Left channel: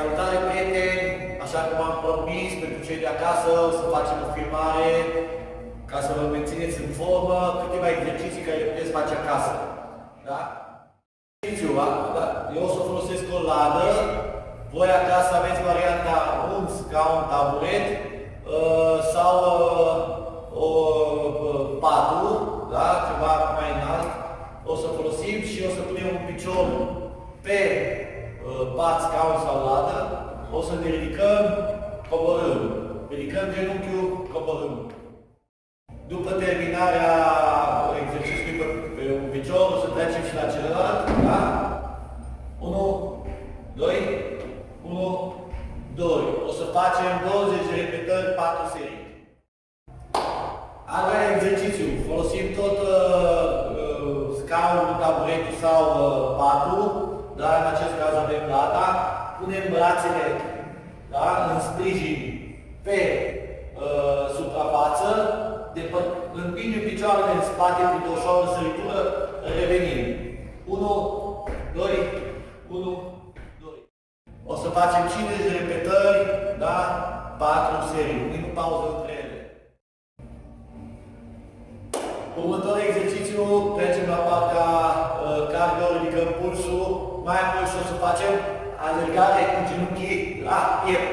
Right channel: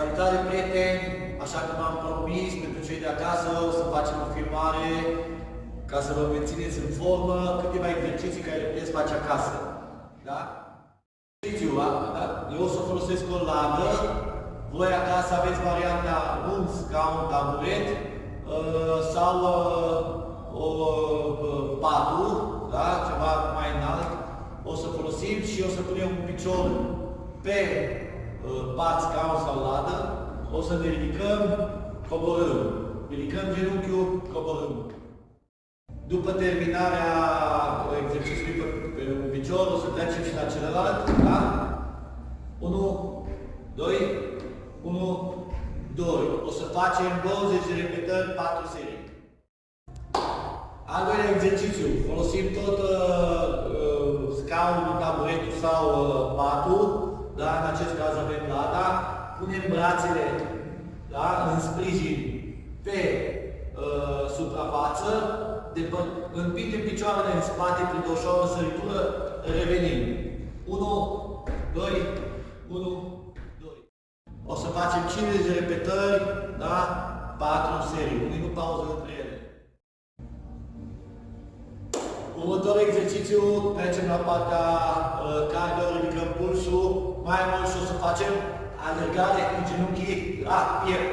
Salutare, prieteni! Așa cum am promis pentru cei de acasă, o să facem o filmare ca să vă mențineți în formă câteva exerciții care le puteți face acasă. Da? Da? Eu o să folosesc o ladă. Voi acasă aveți varianta un scaun, taburet sau o patru, da? Ceva mai înalt. O să folosim și o să punem un picior pe pat, scaun sau ladă. O să ne ridicăm, coborâm. Ridicăm genunchiul, coborâm. După terminarea exercițiului pe un picior, o să trecem și la celălalt. Da? 1, 2, 1, 2. O să facem 20 de repetări, 4 serii. Al doilea exercițiu. Folosim tot scaunul, taburetul sau patul. Da? În acest caz avem lada. Punem brațele, da? În sprijin pe suprafață. Împingem picioarele în spate prin o ușoară săritură, revenim. 1, 2, 1, 2. O să facem 50 de repetări, da? 4 serii. Un minut pauză între ele. Următorul exercițiu, trecem la partea cardio, ridicăm pulsul. Mai mult și o să facem alergare cu genunchii la piept.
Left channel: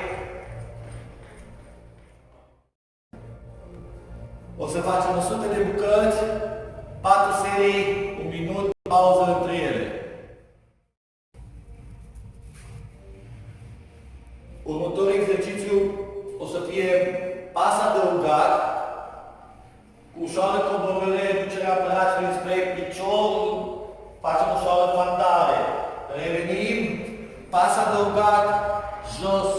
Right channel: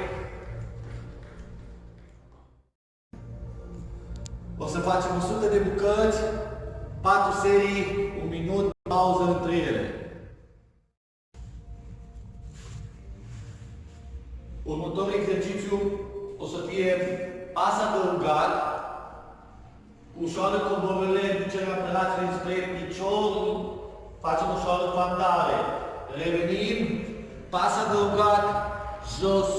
O să facem 100 de bucăți, 4 serii, 1 minut, pauză între ele. Următorul exercițiu o să fie pas adăugat, cu ușoară coborâre, ducerea brațului spre picior, facem ușoară fandare. Revenim, pas adăugat, jos,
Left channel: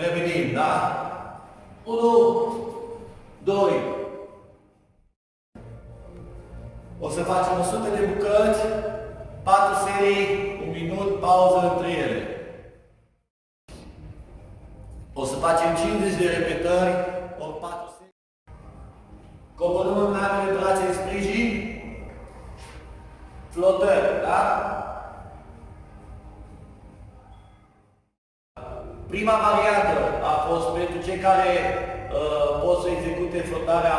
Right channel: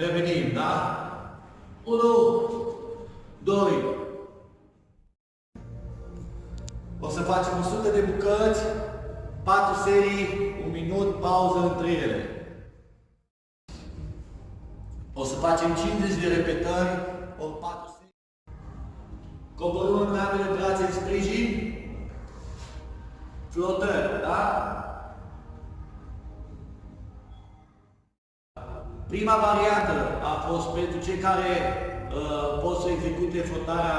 revenim, da? 1, 2. O să facem 100 de bucăți, 4 serii, 1 minut, pauză între ele. O să facem 50 de repetări, ori 4 serii. Coborâm în ambele brațe în sprijin, flotări, da? Prima variantă a fost pentru cei care pot să execute flotarea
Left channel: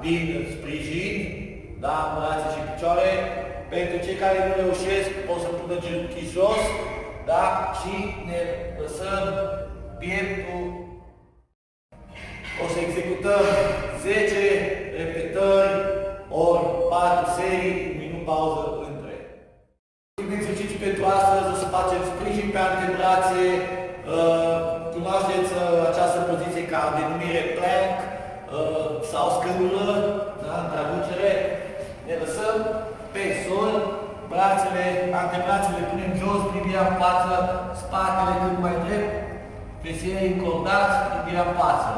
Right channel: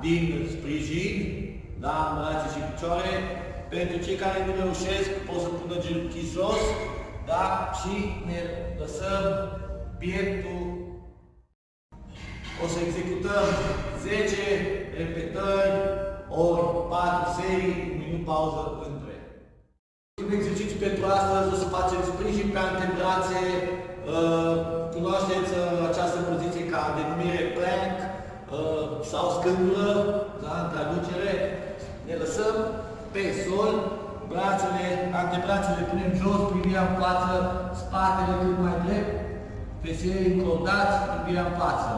din sprijin, da, în brațe și picioare. Pentru cei care nu reușesc, pot să pună genunchii jos, da, și ne lăsăm pieptul. O să executăm 10 repetări, ori 4 serii, 1 minut pauză între. Ultimul exercițiu pentru astăzi, o să facem sprijin pe antebrațe. Cunoașteți această poziție ca denumire plank sau scândură, da, în traducere. Ne lăsăm pe sol, brațele, antebrațele punem jos, privirea în față, spatele cât mai drept, fesierii încordați, privirea în față.